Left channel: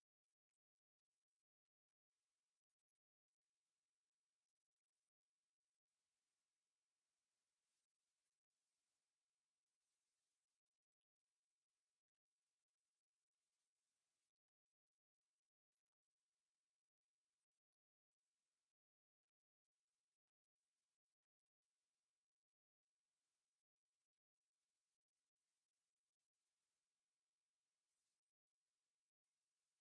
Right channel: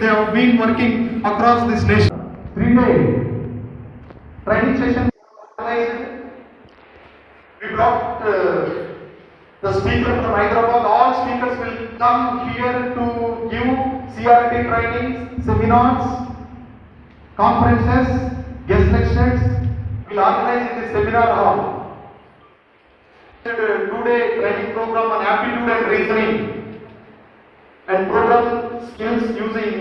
They have been working across this nation. 3-day training session. We brought the speaker from Hyderabad. All speakers will come here to give CRT trainings, seminars, conferences, guest lectures. We will organize in the seminar hall. 2-day training program on aptitude and reasoning and program skills using.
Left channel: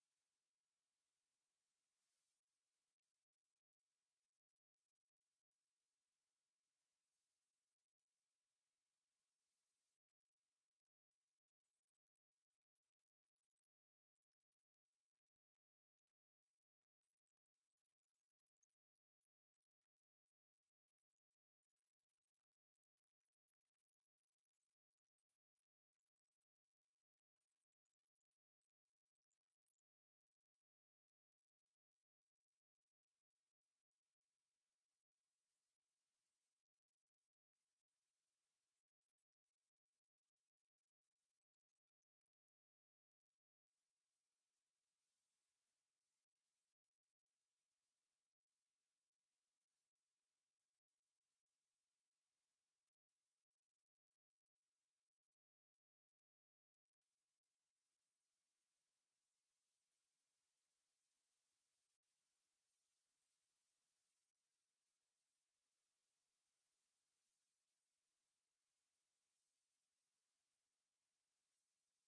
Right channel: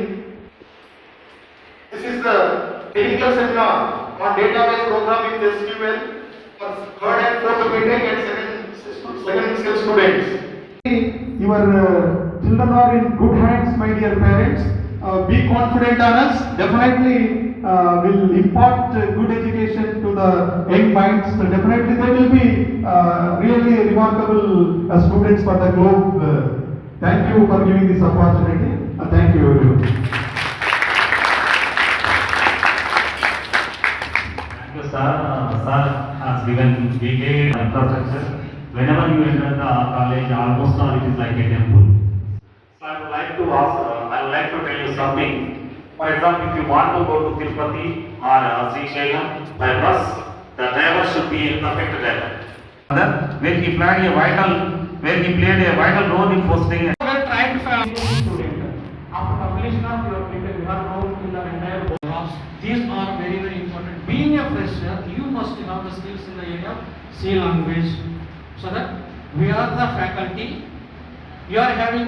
This is the technical seminar on database programming with SQL for third and fourth BTech and second skill students. Your children are in good hands, my dear parents. Be confident on us. Definitely will impart good education to the young minds. So definitely they will be really remarkable students for the globe. Thank you for giving this opportunity. Thank you everyone. Thank you, sir. Sir has given detailed infrastructure. Whenever you enter the college, almost all it is like a temple. So I would like to ask, I would like to tell you something. For example, if you want to go to Tirupati or Sri Shailam by bus, the driver should be a perfect driver. Where he played a vital role in fostering. After completion of your paper, you are known in the entire world. These are very, very important. Being a fresher, you must have the skills in the area of C language. So that we are the faculty. You are having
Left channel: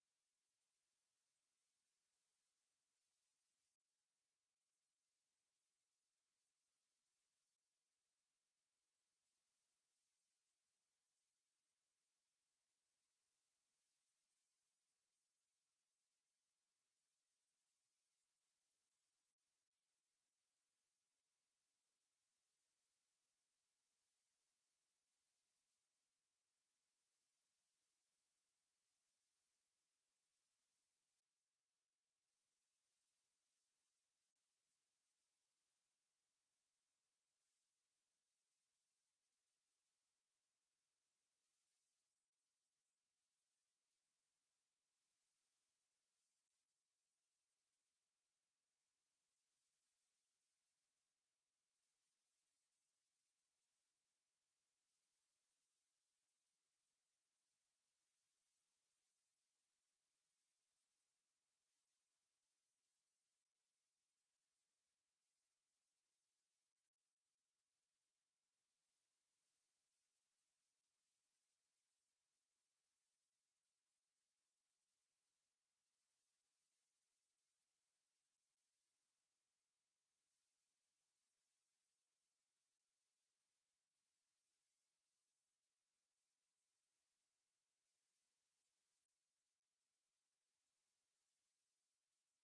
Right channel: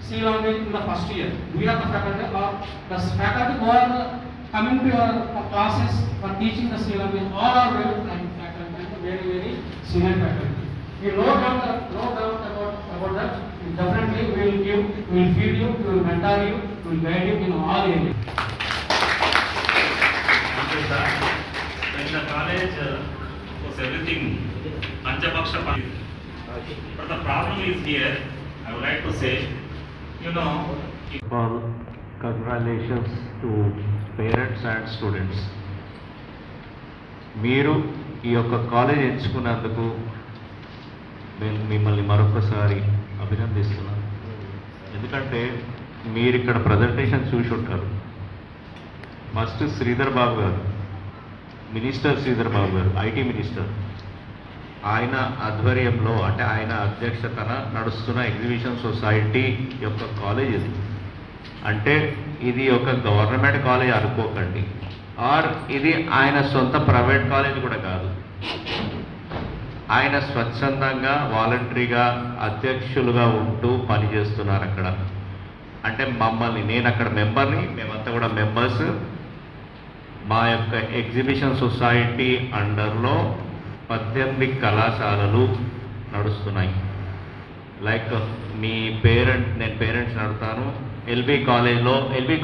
C language in the first year. We are the faculty, or the faculty who are coming to your classes for teaching the C language. All are very faculty, very, very senior faculty. You know doubt about that. Definitely we will give, we will feed you, we will mentor you, we will guide you in all areas. Thank you, sir. In the college was everything Panchapaksha. But the problem is here, I would like to say, you know. Well, congratulations to parents and students. మీరు ఈ యొక్క college ఎంచుకున్నందుకు నేను మిమ్మల్ని మరొకసారి అభినందిస్తున్నాను. ఎందుకంటే మీరు ఇక్కడ ప్రజెంటేషన్ చూసి ఉంటారు. ఫస్ట్ శ్రీధర్ బాబు గారు, మినిస్టర్ శ్రీధర్ బాబు గారు, ఐటీ మినిస్టర్, ఆయన ఆధ్వర్యంలో అంటే ఆయన అధ్యక్షతన నడుస్తున్న ఎగ్జిబిషన్ సొసైటీ యొక్క కాలేజ్ ఇది. అంటే ఇది ఒక గవర్నమెంట్ కాలేజ్ అనుకోకండి, ఆర్ ఇది ఆయన సొంత ప్రైవేట్ కాలేజ్ కూడా కాదు. ఆయన స్వచ్ఛందంగా వాలంటరీగా అధ్యక్షులుగా ఉంటూ పనిచేస్తున్నారు అక్కడ. అంటే మమ్మల్ని, నేను అక్కడ మెంబర్ని, మేమంతా కూడా మెంబర్స్. మా యొక్క ఎగ్జిబిషన్ సొసైటీ అండర్లో 18 కళాశాలలు నడుస్తున్నాయి. లైక్ మీ నేను పేరెంట్స్ నడుతాను. ఎల్బీ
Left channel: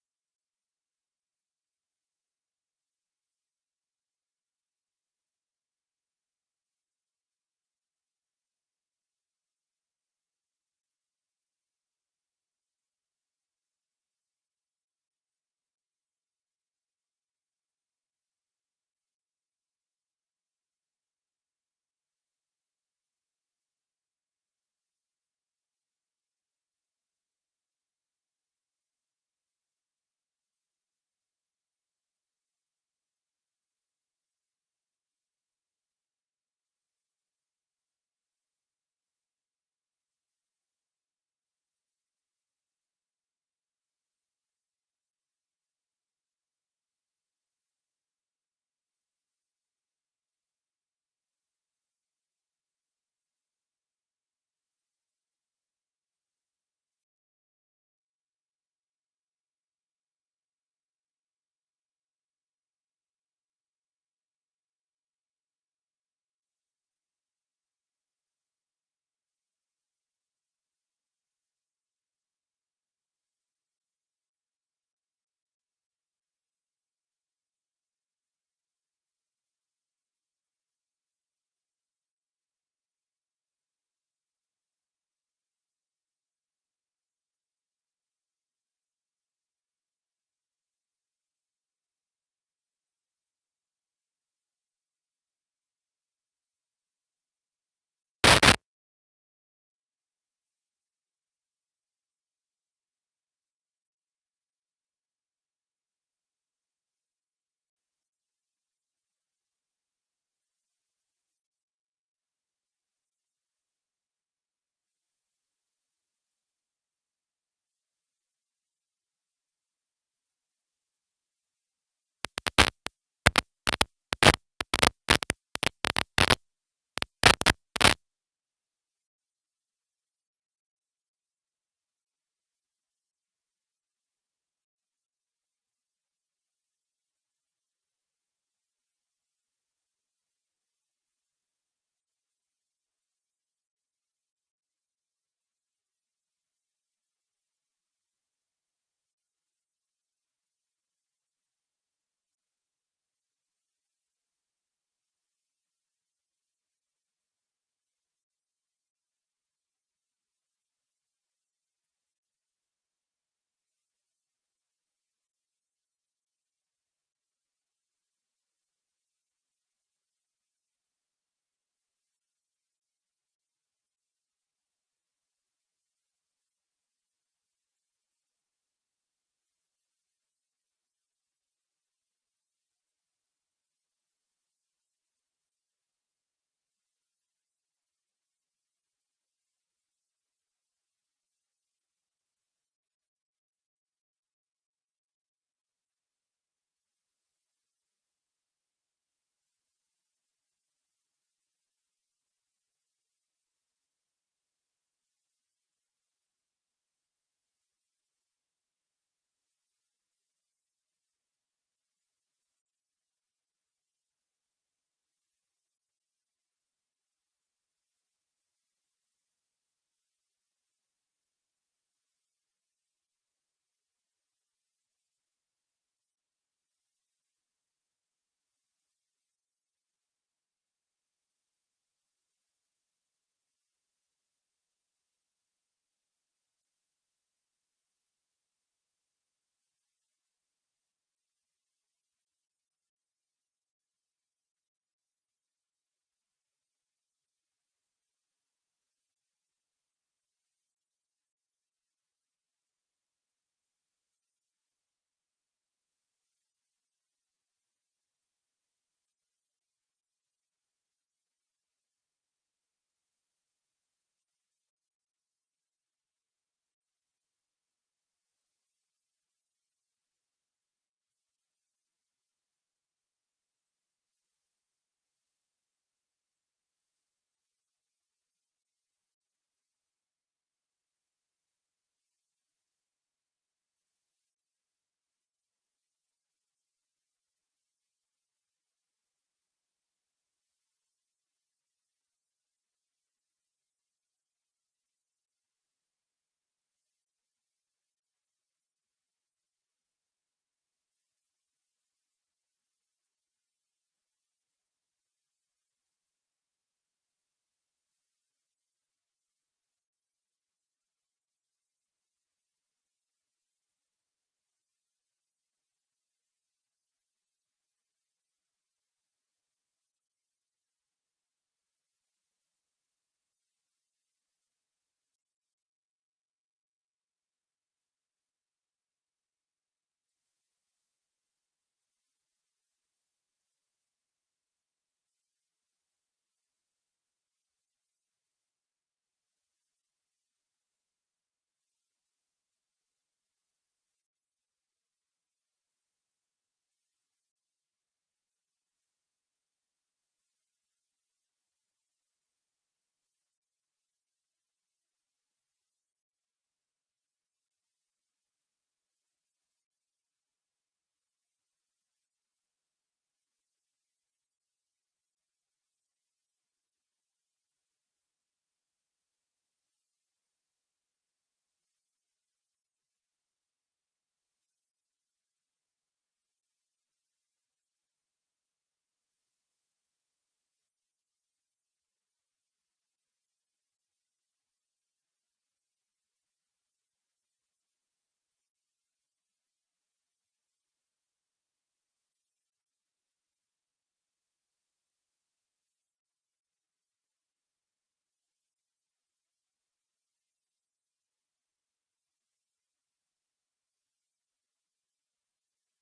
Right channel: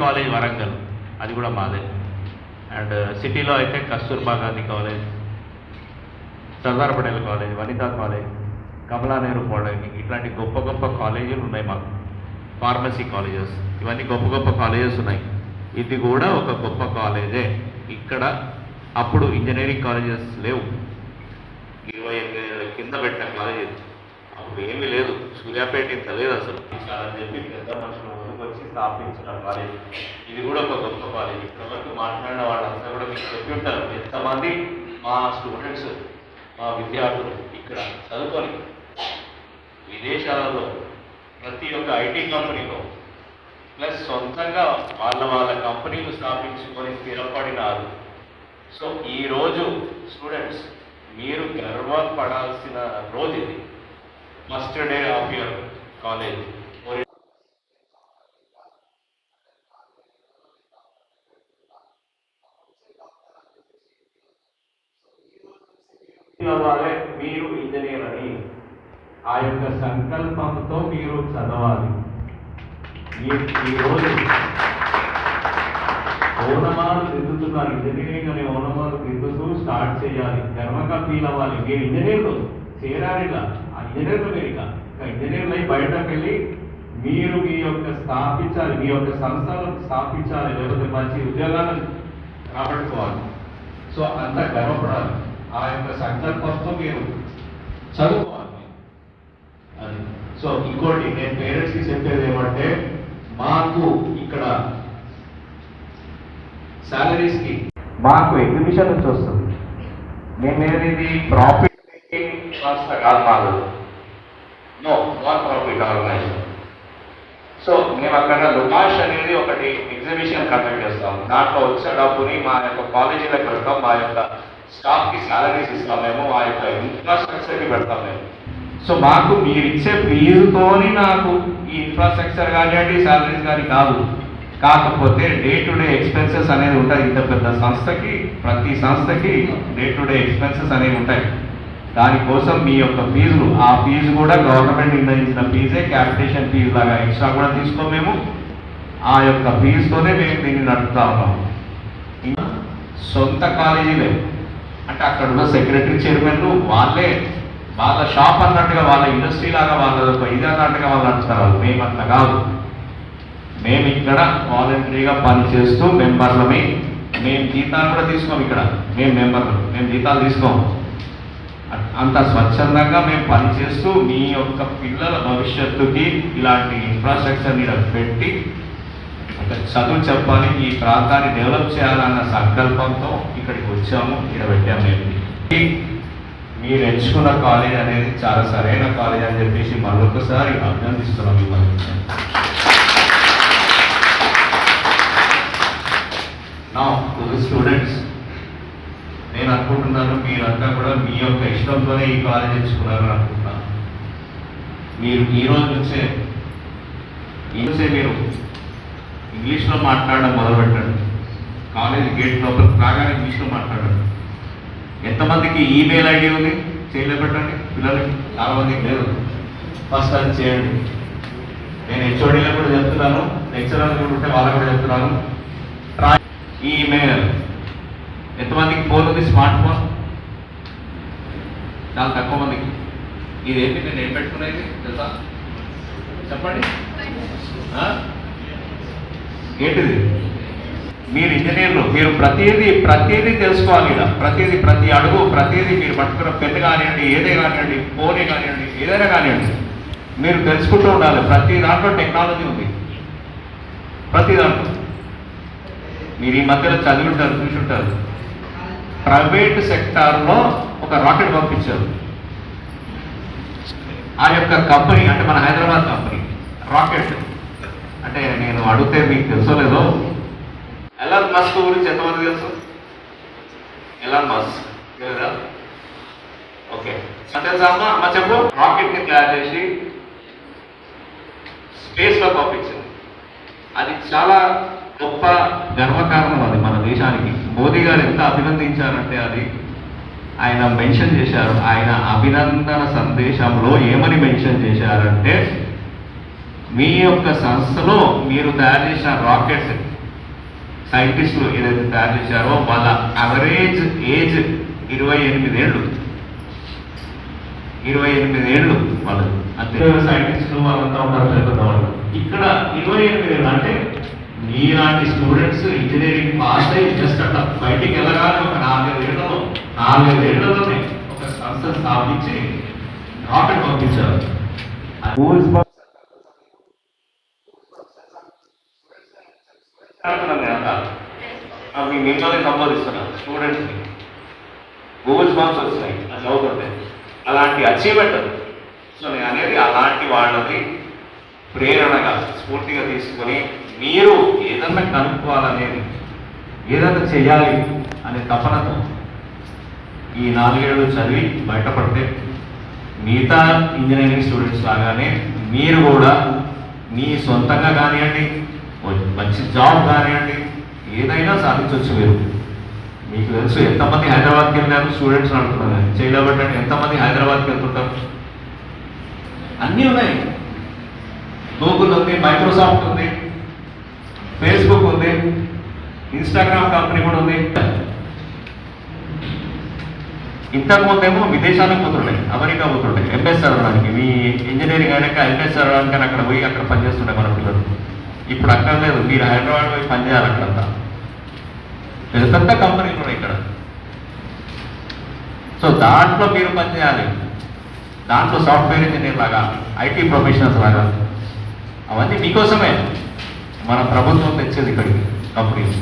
కాలేజ్ వరంగల్, అది కూడా మాదే. అండ్ సిటీలో అయితే Kasturba Gandhi college, Sardar Patel college, Vanita college, Kamala Nehru polytechnic, ఇట్లాంటి గొప్ప గొప్ప కాలేజీలు ఉన్నాయి మాకు. ఫార్మసీ కాలేజెస్, ఇవన్నీ గొప్ప గొప్ప కాలేజెస్ ఉన్నాయి. ఇది కూడా ఒక గొప్ప కాలేజే. ఇక్కడ అప్పుడు ఇంజనీరింగ్ కాలేజెస్ లేవు. 28 ఏళ్ళ కింద పెట్టిన కాలేజీ, అప్పుడు ఏమీ లేదు. సూర్యాపేట ఇంత లేదు అసలు. అని చెప్పి పెద్ద మనుషులు ముందుకు వచ్చి స్థాపించిన కాలేజ్. ఇది కూడా ఒక గొప్ప కాలేజ్. ఇప్పటివరకు మాట్లాడిన వాళ్ళంతా కూడా మీకు చెప్పి ఉంటారు ఎంతమంది మా స్టూడెంట్స్, మా విద్యార్థులు ఇక్కడ చదువుకొని విదేశాలలో ప్రతి ఒక్క ఐటీ కంపెనీలో ప్లస్ సొంతంగా వాళ్ళ కంపెనీలు స్థాపించుకొని స్థిరపడినారు. సో ఈరోజు స్టూడెంట్స్ మీరు గర్వపడాల్సిన రోజు ఇది. First day of your college. మీరు ఇంజనీర్ అని ఆ యొక్క సంకల్పంతో మీరు చదవాలి. ఈరోజు ఓనమాలు దిద్దుతున్నారు. ఇంజనీరింగ్ అనే ఓనమాలు దిద్దుతూ స్టార్ట్ చేయాలి. గర్వంగా ఫీల్ అవ్వాలి. మీరు ఇంజనీర్లు చేరారిలా, ఆ ఇంజనీర్లు మీరు ఇక ఇంజనీర్లు అయి బయటకు వెళ్ళి మీరు మీ యొక్క స్థాపించాలి, మీ యొక్క సంస్థలను స్థాపించాలి, లేకపోతే మంచి ఉద్యోగాలను రాబట్టుకోవాలి. సో అంత గర్వపడాలి. ఆ యొక్క సంకల్పంతో మీరు చదువుకోవాలి. అది. సో ఇంకోటి నేను పేరెంట్స్కి చెప్పేది ఏమంటే, మాకు ఇక్కడ సాలరీస్కి మాకు ఎగ్జిబిషన్ నుంచి వస్తుంది. నేను ఇది ప్రాఫిట్ సంస్థ కాదు మాకు, no non profit organisation. So మేము అక్కడ లుమాష్ అనేది ఒకటి ఎగ్జిబిషన్ కండక్ట్ చేస్తాం. దాంట్లో వచ్చే డబ్బుని మా యొక్క కాలేజీలకు పెడతాం, మా యొక్క స్టాఫ్కి సాలరీస్ ఇస్తాం మేము, మా యొక్క ఇన్ఫ్రాస్ట్రక్చర్కి పెడతాం మేము. సో మాకు మీరు ఇచ్చే ఫీజుతోని నాకు ఈ ఇన్ఫ్రాస్ట్రక్చర్ కానివ్వండి సాలరీస్ కానీ కాదు. కాకపోతే డే టు డే ఎక్స్పెన్సెస్ అనేది ఉంటాయి. ఇంత పెద్ద సంస్థకి, ప్రతి సంస్థకి డే టు డే ఎక్స్పెన్సెస్ అనేవి ఉంటాయి. దానికోసం మీ యొక్క ఫీజులు, ఆ ఫీజు కూడా గవర్నమెంట్ నిర్ణయించిన ఫీజే, క్యాపిటేషన్ ఫీజు లాగా ఎక్స్ట్రా కూడా తీసుకోం మేము. ఆ యొక్క ఫీజుతోనే మేము దీన్ని నడుపుతా ఉన్నాం. సొంత కాలేజీలే అంటే అక్కడ ఉన్న సెక్రటరీ చైర్మన్లు వాళ్ళే వాళ్ళ షాప్ అన్నట్టుగా, వాళ్ళ ఇండస్ట్రీ లాగా, వాళ్ళ ఇది అన్నట్టుగా వాళ్ళు నడుపుతారు. మేము అట్లా కాదు. మేము ఇక్కడ వాలంటరీగా పనిచేస్తూ మెంబర్లమే. మేము జీతాలు కూడా తీసుకోము. ఇక్కడ మేము మెంబర్లు, మేము జీతాలు తీసుకోము. అంత స్వచ్ఛందంగా మేము పనిచేస్తూ మీ యొక్క పిల్లల భవిష్యత్తుకి ఇలాంటి ఇన్ఫ్రాస్ట్రక్చర్ని పెట్టి ఒక చదువు చెప్పాలి, ఈ ప్రాంతాన్ని డెవలప్ చేయాలన్న సంకల్పంతో ఇక్కడికి వచ్చాము, ఇక్కడ పెట్టాము. మేము మీరు ఎంచుకున్న కాలేజ్ అనేది చాలా సరైన కాలేజ్ అని చెప్పేసి మరొకసారి అభినందిస్తున్నాం మిమ్మల్ని. నా స్టూడెంట్స్, నేను అనుకుంటున్నాను మీరంతా కూడా మీ యొక్క ఇష్టంతోనే ఈ కాలేజ్ ఎంచుకున్నారని అనుకుంటున్నాను. మీరు ఈ రోజు నుంచే మీరు ఇంగ్లీష్లో మాట్లాడడం మొదలుపెట్టండి. కాలేజ్ గేట్ లోపల రాగానే ఇంగ్లీష్లో మాట్లాడండి. ఎంతమందికి ఈమెయిల్ ఐడి ఉంది చేయలేపెట్టండి పిల్లలకి? చాలా మందికి లేదు. ఫస్ట్ అది చేయండి. నేను హెచ్ఓడీలో కూడా చెప్తున్నాను, లెక్చరర్లు కూడా ఉంటే వాళ్ళకు కూడా చెప్తున్నాను. ఈమెయిల్ ఎంతమందికి ఫోన్ ఉంది? స్మార్ట్ ఫోన్ చాలా తక్కువ మందికి. ఇదేంటి నేను ఏం పెట్టుకునేది తెలుసా? చెప్పండి. ఏంటిది? మీరు ఇంజనీర్లు, మీరు ప్రతిదీ తెలుసుకోవాలి. ఇలా ప్రతి అడుగు, ప్రతిదీ మీరు పట్టుకున్న పెన్ను కానివ్వండి, ఏదే కానివ్వండి, ఫోనే కానివ్వండి, ఏదైనా కానివ్వండి, మీరు తెలుసుకుంటూ ఉండాలి. ప్రతి దాంట్లో టెక్నాలజీ ఉంది. ప్రతి దాంట్లో మీరు ఈ మధ్యలో చదివింటారు, చూసుంటారు. ప్రైవేట్ సెక్టార్లో ఒక రాకెట్ పంపించారు. ఆ యొక్క కంపెనీ అంటే మన హైదరాబాద్ కంపెనీ రాకెట్ అంటే నేను అడిగితే మీకు తెలుసో లేదో, ఎలాన్ మస్క్ గురించి ఎంతమంది తెలుసు? ఎలాన్ మస్క్ లేదా? ఓకే, తెలుసా అమ్మ చెప్పు. రాకెట్ ని తయారు చేసి స్పేస్ లో పంపించింది. అది చాలా గొప్ప గర్వకారణం అది మన దేశానికి. మోదీ గారు ఎంత అభినందించారంటే అది ఆయన మెన్షన్ చేశారు. ఆయన అభినందన సందేశంలో ఏమని మెన్షన్ చేశారంటే, మీ యొక్క సంస్థలో మీరు తయారు చేసిన రాకెట్ సైంటిస్టులు ఏదైతే తయారు చేశారో వాళ్ళ అవరేజ్ ఏజ్ 28 ఏళ్ళు. 28 ఏళ్ళు వాళ్ళు. అంతే సైంటిస్టులు వాళ్ళంతా ఉంటారు పెద్దవాళ్ళు. ఇక్కడ 28 ఏళ్ళు అంటే మీలాంటి స్టూడెంట్స్ ఇంజనీరింగ్ పాస్ అయ్యి జస్ట్ అట్లా బయటికి వెళ్ళగానే ఒక 4 ఏళ్లలోనే ఒక సంస్థ స్థాపించి రాకెట్ పంపించారు. మిమ్మల్ని సంబోధిస్తున్నాను స్టూడెంట్స్ని. గూగుల్ బాంబ్స్ వస్తున్నాయి అది చదువుతుంటే, అలాంటి అచీవ్మెంట్ అది. సో నేను అనేది అలాంటి వాళ్ళని ప్రేరణగా స్ఫూర్తిగా తీసుకొని మీరు ఏదన్నా కనుక్కోవాలనేది, ఏదన్నా చేయాలి అనే తపనతో ఈ 4 ఏళ్ళు చదివి బయటపడితే మిగతా ఇంజనీరింగ్ స్టూడెంట్స్ లాగానే మీరు కూడా మీ సొంతంగా కానివ్వండి, మంచి జాబ్ కానివ్వండి, ఏదైనా సాధించవచ్చు. మీకు తెలుసు ఎంతమంది హైదరాబాద్కి వెళ్ళారు స్టూడెంట్స్ అడుగుతున్నారు, చేయలేబట్టండి. ఎంతమంది హైదరాబాద్కి వెళ్తుంటారు? అన్నీ ఉన్నాయి. గూగుల్ ఉంది, మైక్రోసాఫ్ట్ ఉంది, ఫేస్బుక్ ఉంది, ఇన్స్టాగ్రామ్ కంపెనీ కూడా ఉంది. ఇంతకుముందేమో విదేశాలకు పోతుండే, అమెరికా పోతుండే ఎంఎస్ చదవడానికి. మీ ఇంజనీరింగ్ అయినాక ఎంఎస్ చదవడానికి అని అక్కడ పోయి అక్కడ పనిచేస్తుండే మన పిల్లలు. ఇప్పుడు అక్కడ లేదు, మీరు హైదరాబాద్ పోయి పనిచేయాలి. అక్కడంతా పెద్ద పెద్ద కంపెనీలు ఉన్నాయి ఇక్కడ. సో దాంట్లో మీరు పనిచేయాలి. దాంట్లో సాఫ్ట్వేర్ ఇంజనీర్ లాగా, ఐటీ ప్రొఫెషనల్స్ లాగా, అవన్నీ మీకోసమే మన ప్రభుత్వం తెచ్చేది ఇక్కడికి కంపెనీస్.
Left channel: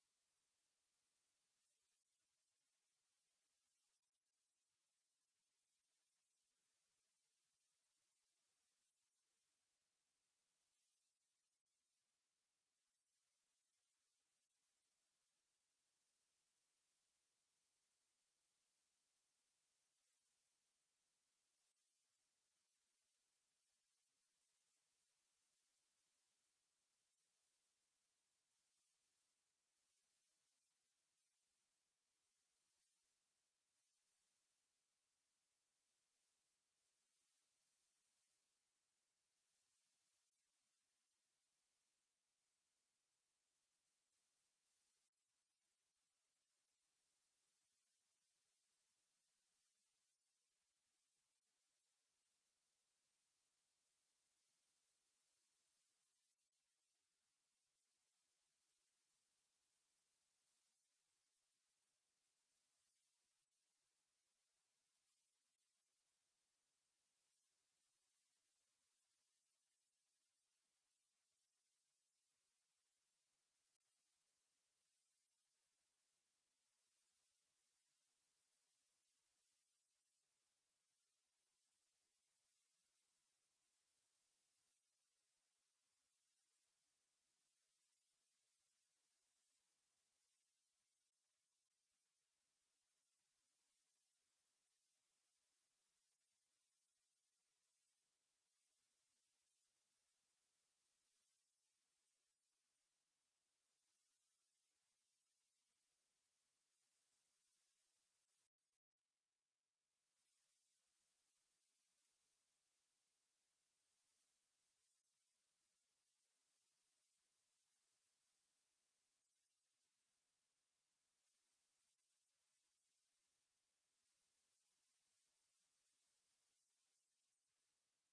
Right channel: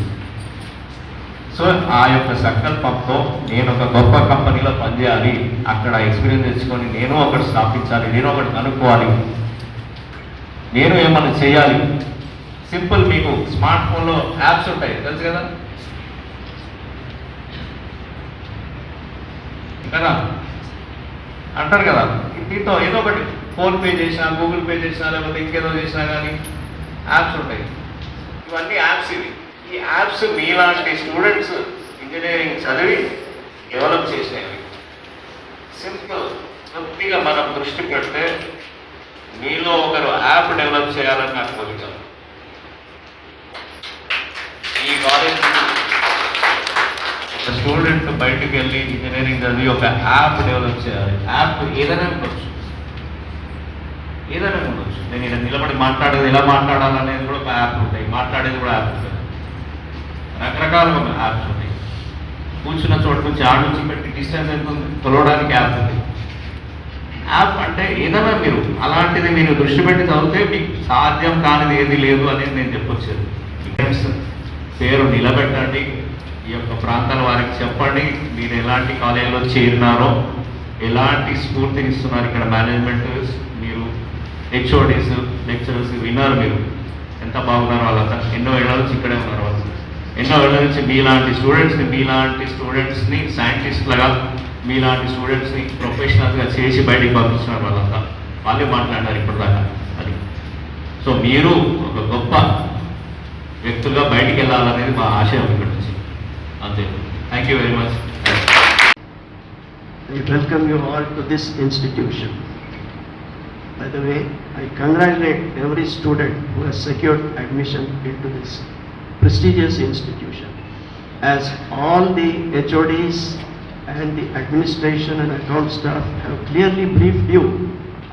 సో ఆ యొక్క సంకల్పంతో నేను ఒక గొప్ప కంపెనీలో పనిచేయాలి, అక్కడ ఎక్స్పీరియన్స్ తెచ్చుకొని నేను ఒకటి స్థాపించాలి, నేను ఒకటి కనుక్కోవాలి, నేను ఏమన్నా చేయాలి. సింపుల్, మీకు స్మార్ట్ ఫోన్లో యాప్స్ ఉంటాయి తెలుసు కదా కదా అంటారు కదా, దీంతో ఏదో ఒకటి ఫోన్పే చేసినా, గూగుల్ పే చేసినా, లేకపోతే ఇంకేదో చేసినా కానీ యాప్స్ ఉంటాయి. ఇవన్నీ యాప్స్. ఈ యాప్స్ మీలాంటి స్టూడెంట్స్ ఇంజనీరింగ్ చదివి డెవలప్ చేసినవి. సింపుల్, కొద్దిగా మనం దృష్టి పెడితే మీలో ఒకరు యాప్ డెవలప్ చేయాలని నాకు కోరిక. ఈ కాలేజ్ ఒక స్టూడెంట్ బయటకు వెళ్ళి ఇంజనీరింగ్ చదివి ఒక యాప్ డెవలప్ చేయాలి. యాప్ ఏదైనా ఉండొచ్చు, ఏదైనా ఉండొచ్చు. నేను ఇలా నిలబడి మాట్లాడేది ఎలా మాట్లాడాలనేది కూడా ఒక యాప్ ఉంటాయి, మాట్లాడేది కూడా యాప్ ఉంటుంది, రకరకాల యాప్స్ ఉంటాయి. కూర్చున్న చోటు నుంచి ఆడ నుంచి పెట్టి డిస్టెన్స్ ఎంత ఉంది కొలవడానికి యాప్ ఉంది. యాప్ అంటే ఏదైనా మీరు అలాంటిది మీరు దృష్టి పెట్టి చదివితే మీకు సాధ్యం కానిది ఏది లేదు అనేది నేను చెప్పొచ్చాను. పేరు నిలబెట్టండి, ఈ యొక్క ప్రాంతాల వారికి చెప్పండి మీరు ఎలాంటి కాలేజీలో చేరినారో, ఎలాంటి స్ఫూర్తిని ఇస్తున్నారు ఇక్కడ మేనేజ్మెంట్, మీరు హెచ్ఓడీస్ లెక్చరర్స్ విన్నారు, మీరు ఎంత బాగున్నారో వాళ్ళంతా. ఎన్నో ఏళ్ళ నుంచి ఇక్కడే ఉన్నారు వాళ్ళు, ఎన్నో ఏళ్ళ నుంచి మీలాంటి స్టూడెంట్స్ని సైంటిస్ట్లుగా, మీలాంటి స్టూడెంట్స్ని ప్రొఫెషనల్గా చేసి బయటికి పంపిస్తున్నారు వాళ్ళంతా. వాళ్ళే మాట్లాడారు ఇప్పటిదాకా అది. సో మీరు ఒక గొప్ప వ్యక్తులుగా బయటికి వెళ్ళాలనేది మా ఆశయం ఇక్కడ నుంచి. అంతే. Thank you very much. I welcome you all to this institution. By the way, I congratulate every student who has secured admission into this prestigious institution. As all the HODs and the administration and account staff have clearly briefed you,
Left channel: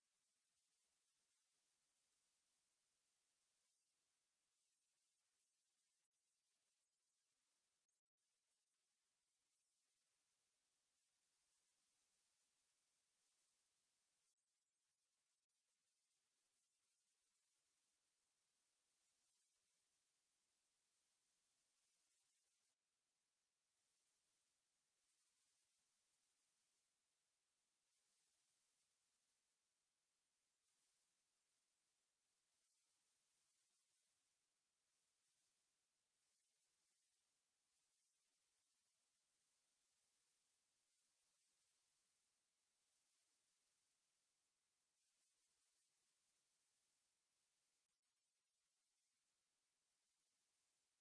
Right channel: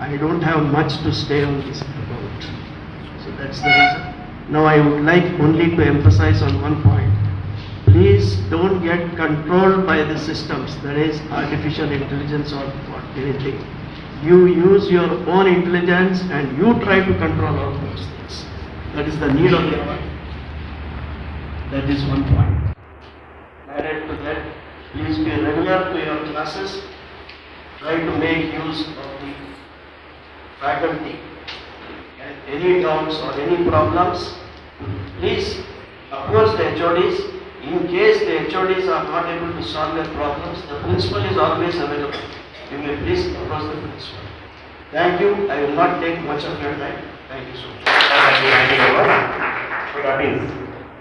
I don't have much to say on this about. So that's the reason. Now I would like only to emphasize on one point. Please don't get controlled by the systems, that is artificial intelligence or what, anything. You use your own intelligence and you try to control all those things. That is the need of the hour. That is one point. Added to that, please be regular to your classes. Try to make use of the faculty. And any doubts or any problems, please approach the HODs. In case the HODs are not able to solve their problems, the principal is always available. You may please approach the principal. Thank you. I will not take much of your time. Thank you so much. So that is,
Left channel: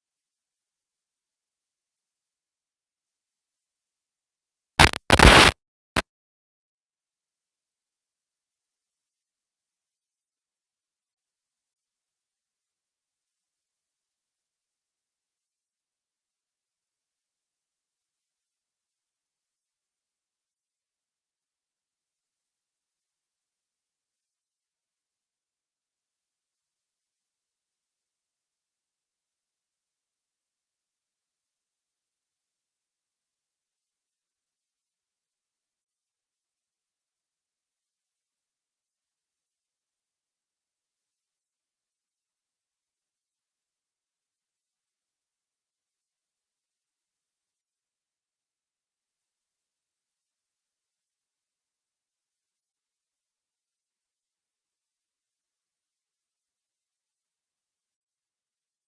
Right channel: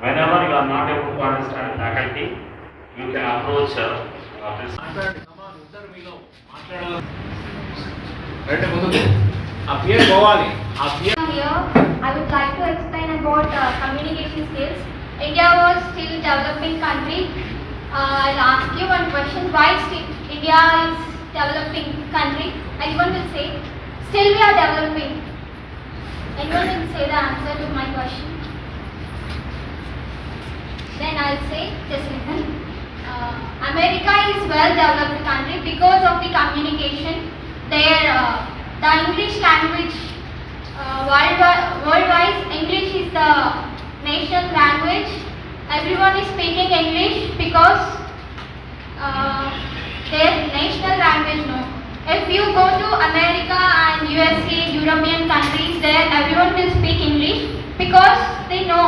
whenever you are not able to understand faculty, you can approach principal. Here, I would like to explain about communication skills. India was still developing country. I'll ask you one question. Why still India is developing country? Anyone will say, still we are developing. Anyone will say the answer to my question? Then I'll say, just listen. America is well developed country because of the communication. The English language, worldwide, English is the national language. Everyone is speaking English because their national language. No, if you go to America and USA, European countries, there everyone will speak English because they know.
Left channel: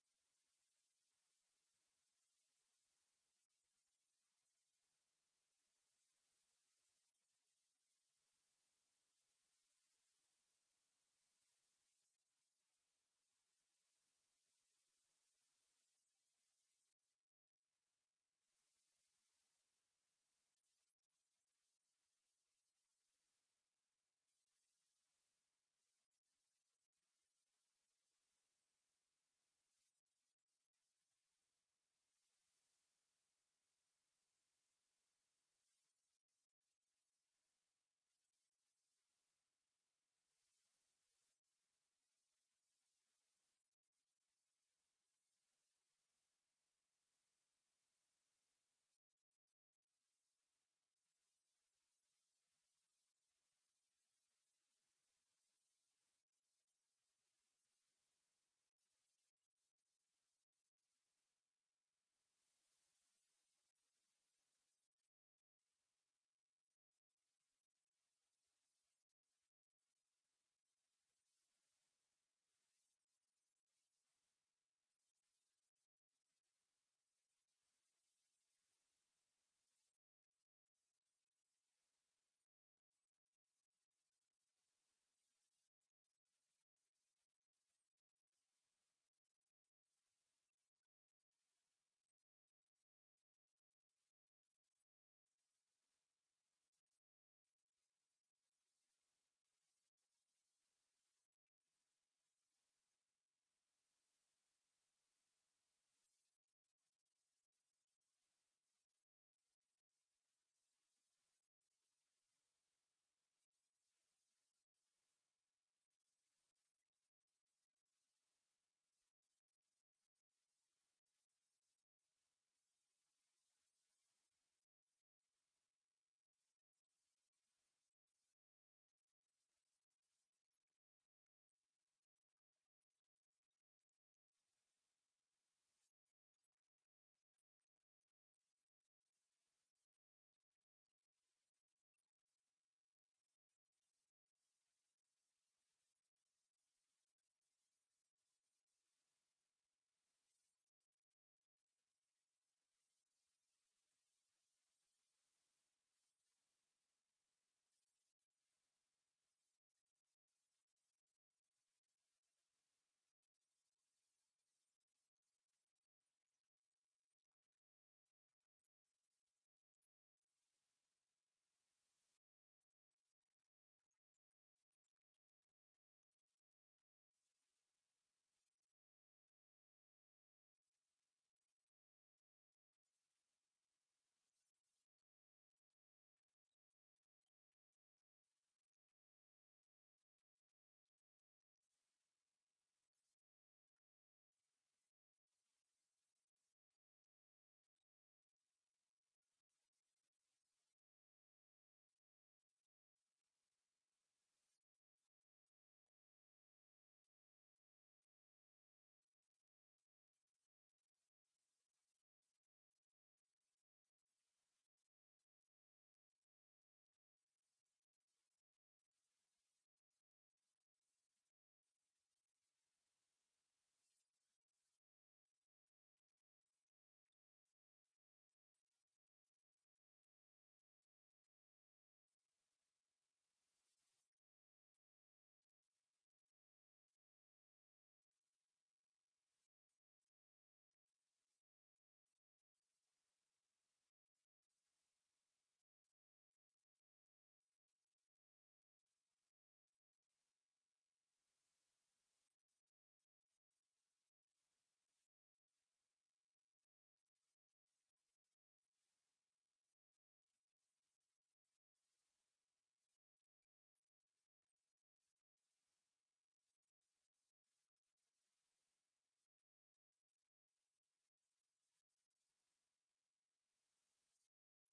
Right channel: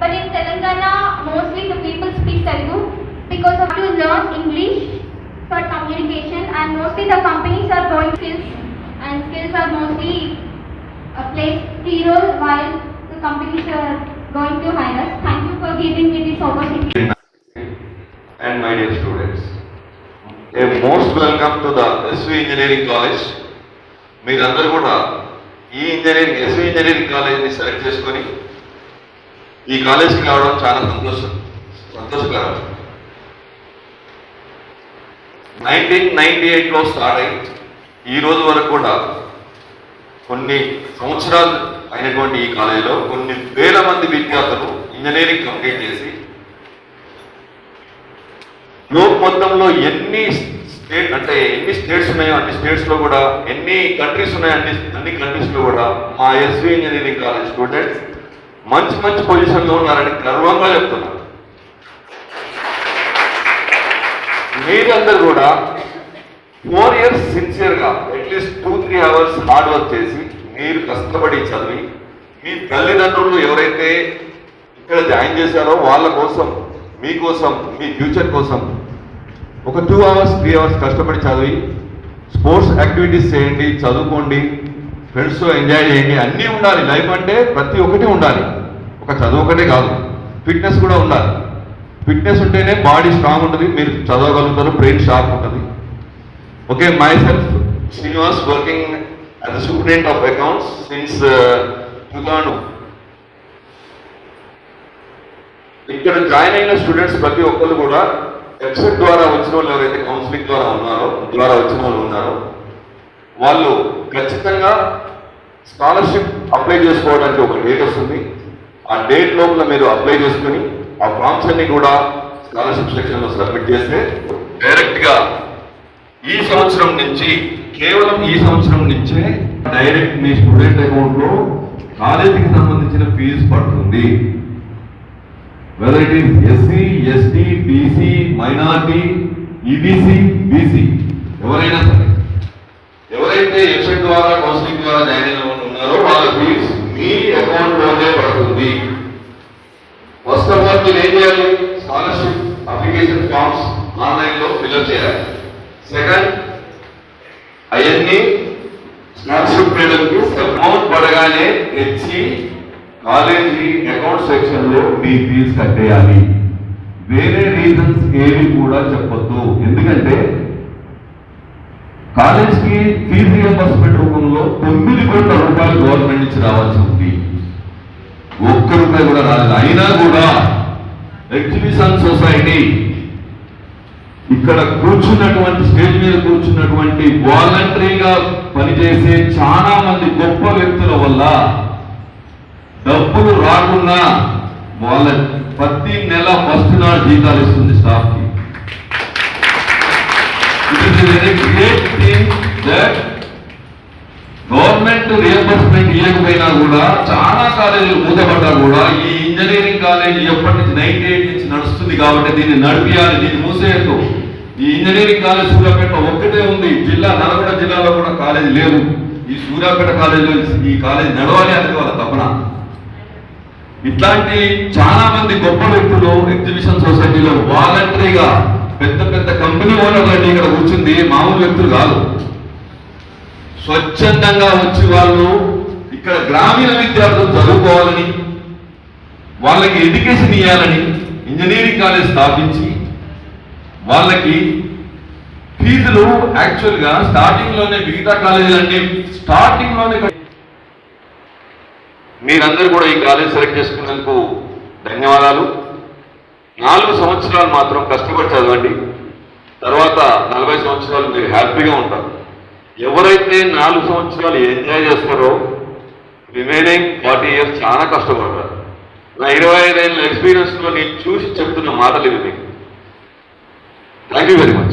But in Telangana, mostly the people speak Telugu because of to learn English for communication, and mostly the companies are going skills, and skills are mostly play key role while the companies are going to hire us. Thank you for giving me this opportunity. And my dear students, a most welcome to the SV Engineering College. మీరందరూ కూడా ఈ engineering SV engineering కాలేజీని select చేసుకొని ఈ కాలేజీకి రావడం చాలా సంతోషకరం. 1998లో స్టార్ట్ అయ్యి ఈ రోజు వరకు కూడా కొన్ని సంవత్సరాలు అయినటువంటి ఈ కాలేజీలో కొన్ని వేల మంది విద్యార్థులు ఇంజనీరింగ్ కంప్లీట్ చేసి లోక్ మొత్తంలో ఎన్ని స్టేట్స్ ఉన్నాయో అన్ని స్టేట్స్లో కూడా, ఎన్ని కంట్రీస్ ఉన్నాయో అన్ని కంట్రీస్లో కూడా మా SV ఇంజనీరింగ్ కాలేజ్ స్టూడెంట్స్ మంచి పొజిషన్లో ఉన్నారని గర్వంగా చెప్తున్నారు. మీరందరూ కూడా 4 years సిన్సియర్గా అట్లీస్ట్ 2-3 hours హార్డ్ వర్క్ చేసి మీరు కష్టపడి చదివి మీ తల్లిదండ్రులు ఎవరైతే ఇక్కడ జాయిన్ చేశారో వాళ్ళ కోసం మీకోసం మీ ఫ్యూచర్ కోసం ఒక 2 hours 3 hours కష్టపడి చదివి స్పోర్ట్స్ యాక్టివిటీస్ చేయండి, చదువుకోండి, ఫ్రెండ్స్తో ఎంజాయ్ చేయండి. అన్నీ ఉండాలి. లైఫ్ అంటే ప్రతి ఒక్కటి ఉండాలి. ఒక చదువు ఒకటే కాదు, ఫిట్నెస్ కూడా ఉండాలి. ఫిట్నెస్ ఉంటేనే బాడీ స్ట్రాంగ్ ఉంటుంది, మీరు చదవగలుగుతారు, బ్రెయిన్ షార్ప్ ఉంటుంది. Okay, my self Srinivas working as a superintendent of accounts since 2000. ఇక్కడ జాయిన్ అయిన స్టూడెంట్స్ ప్రతి ఒక్కరు కూడా వెబ్సైట్ ద్వారా వచ్చిన వాళ్ళు ఎవరైతే కౌన్సిలింగ్ ద్వారా వచ్చిన వాళ్ళు ఉన్నారో వాళ్ళు ఖచ్చితంగా స్కాలర్షిప్ అప్లై చేసుకోవడానికి ఒక డేట్ వస్తుంది. ఆ డేట్ లోపల మీరు అప్లై చేసుకుని ఆ ఫామ్స్ అన్ని కూడా స్కాలర్షిప్ సెక్షన్లో సబ్మిట్ చేస్తే డైరెక్ట్గా కేవలం ఈ సంవత్సరం నుంచే డైరెక్ట్ మీ స్టూడెంట్ అకౌంట్లో కాలేజీకి సంబంధించిన ఫీజు పడుతుంది. whether it is SC, ST, BC, minority, EBC, BC, ఎవరైనా సరే ఎవరైతే వెబ్సైట్ ద్వారా కౌన్సిలింగ్ ద్వారా జాయిన్ అయిన వాళ్ళు ఉన్నారో వాళ్ళ ఫీజ్ మీ అకౌంట్లోనే పడుతుంది. ఫస్ట్ ఆఫ్ ఆల్ మీరు ఏం చేయాలి? స్కాలర్షిప్ అప్లికేషన్ ఫామ్స్ ఆన్లైన్లో ఫిల్అప్ చేయాలి. సెకండ్, అవన్నీ స్కాలర్షిప్ పేమెంట్కి అమౌంట్ పడగానే తెచ్చి కాలేజీ అకౌంట్ సెక్షన్ లో మీ ఫీజు కట్టేయాలి. వేరే రీజన్స్ ఏవి కూడా చెప్పొద్దు. ఎందుకంటే కాలేజ్కి ఫీజు రియంబర్స్మెంట్ రూపంలో 9 కోట్ల రూపాయలు గవర్నమెంట్ నుంచి రావాల్సి ఉంది. 1 రూపాయి కూడా రాలేదు. అయినా కూడా ఎగ్జిబిషన్ సొసైటీ ఇక్కడ కూర్చున్నటువంటి స్టేజ్ మీద కూర్చున్నటువంటి వాలంటరీగా పనిచేసే చాలా మంది గొప్ప వ్యక్తుల వల్ల డబ్బులు రాకున్నా వాళ్ళ ప్రతి నెల ఫస్ట్ నాడు జీతాలు ఇస్తుంది స్టాఫ్ కి. It is very great thing that government reimbursement ఇవ్వకపోయినా కూడా చాలా కాలేజీలు మూతపడ్డా కూడా ఈ ఇంజనీరింగ్ కాలేజీ ఎప్పటి నుంచి 98 నుంచి నడుస్తుంది కాబట్టి దీన్ని నడిపియాలి, దీన్ని మూసేయద్దు. ఈ ఇంజనీరింగ్ కాలేజ్ సూర్యాపేట ఒక్కటే ఉంది. నల్గొండ జిల్లాలో కూడా కాలేజీ లేదు. ఈ సూర్యాపేట కాలేజీలో ఈ కాలేజీ నడవాలి అనేది వాళ్ళ తపన. ఇట్లాంటి చాలా మంది గొప్ప వ్యక్తులు ఎగ్జిబిషన్ సొసైటీలో వాలంటరీగా పెద్ద పెద్ద కంపెనీ ఓనర్లు అంటే ఇక్కడ కూర్చుంది మామూలు వ్యక్తులు కాదు. స్వచ్ఛందంగా వచ్చి వాళ్ళు ఇక్కడ గ్రామీణ విద్యార్థులు చదువుకోవాలని, వాళ్ళకి ఎడ్యుకేషన్ ఇవ్వాలని ఇంజనీరింగ్ కాలేజ్ స్థాపించి వాళ్ళకి ఫీజులు యాక్చువల్గా స్టార్టింగ్లోనే మిగతా కాలేజీలన్నీ స్టార్టింగ్లోనే. మీరందరూ కూడా ఈ కాలేజ్ సెలెక్ట్ చేసుకున్నందుకు ధన్యవాదాలు. 4 సంవత్సరాలు మాత్రం కష్టపడి చదవండి. తర్వాత 40 సంవత్సరాలు మీరు హ్యాపీగా ఉంటారు. ఎవరైతే 4 సంవత్సరాలు ఎంజాయ్ చేస్తారో రిమైనింగ్ 40 years చాలా కష్టపడతారు. నా 25 ఏళ్ళ ఎక్స్పీరియన్స్లో నేను చూసి చెప్తున్న మాటలు ఇవి మీకు. Thank you very much.